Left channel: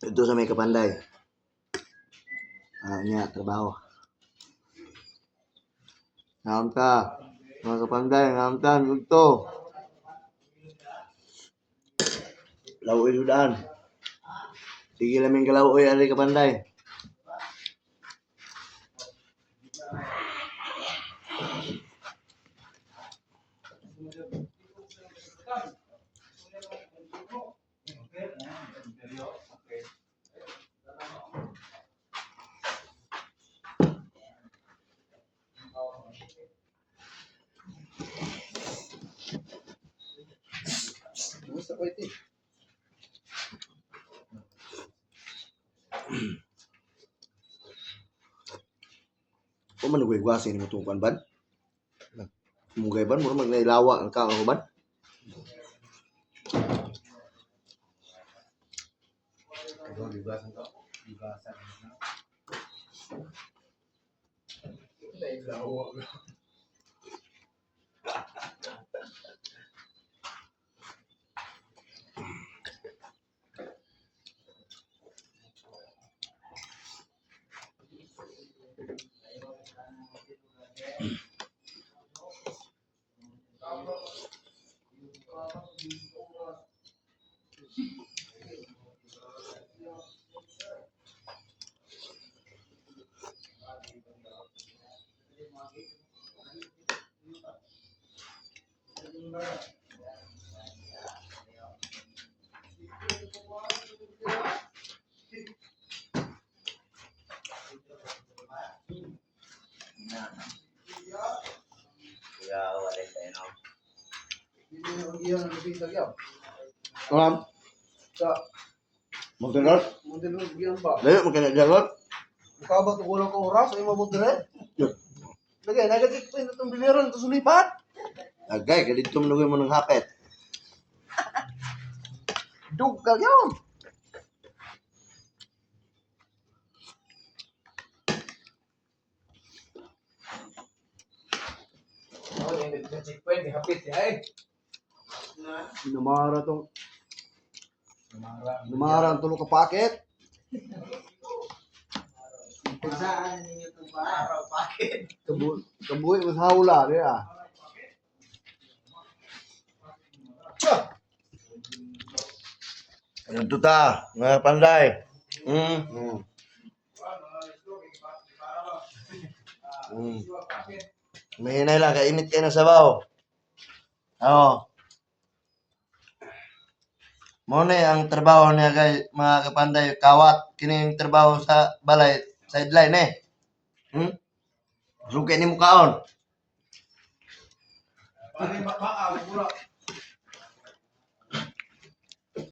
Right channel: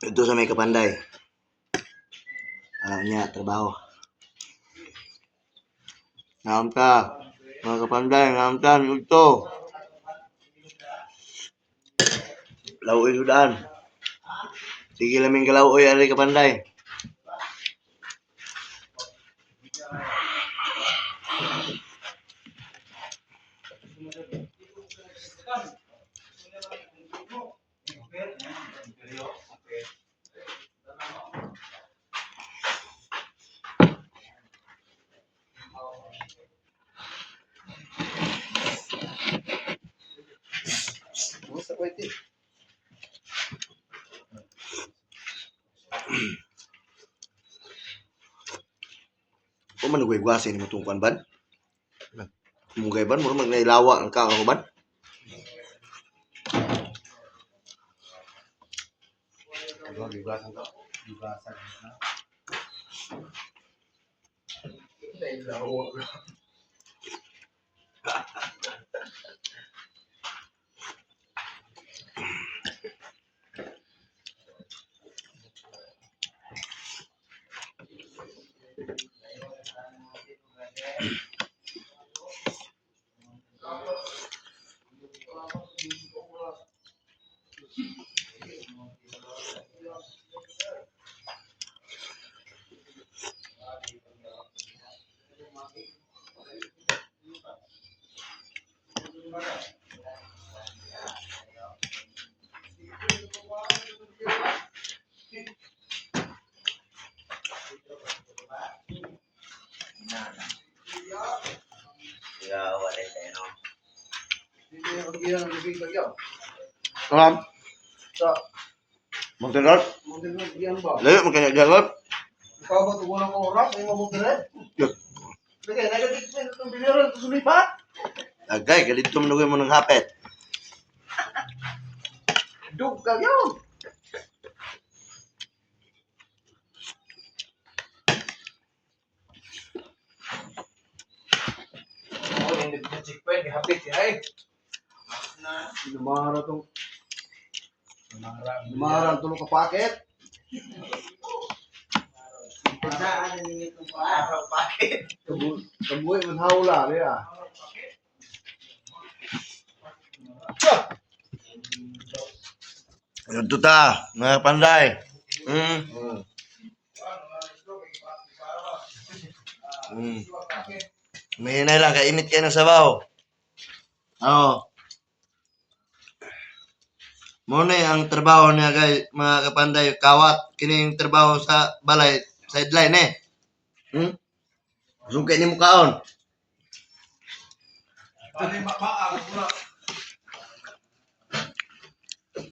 Ito sa may Kapanday. Niya, trabaho. Ngamta. Mga Kapanday, ngamta. Ito. Lauoy sudan. Sige laming kalauoy ari Kapanday. Gusto ko ito. O man nagwagwasin mo itong kuan ban? Mugay ban? Mura magnailawa ang kao ban? Gibasan ka. Gibasan na. Nailawa. Hindi ang giyan ang lubig lagyaw. Alam? Sa Montenegro? Montenegro giyan ba? Layo magkanya jagot. Ikaw ba tugulang kong oras? Ay mo Montenegro? Yun. Lagay, negative na itong biliran ito sumipat. Agay, kadito manugoy mo ng hapet. Dug ka yun. Oh, yung nag-checkpoint, hapit siya eh. Namara to. Namara ang tulog ka paket. Saan ninyo itong araw? Bakit? Kabuhi mo sa hawla, nila. Ito ta, mga Kapanday. May hinay lang, kainit kayo ng sabaw. Oo. Muna ang trabaho niya guys, mga Kapanday, kawat. Kining trabaho sa balay, sideline eh. Sungkay ni mukaon. Paano yung makaka?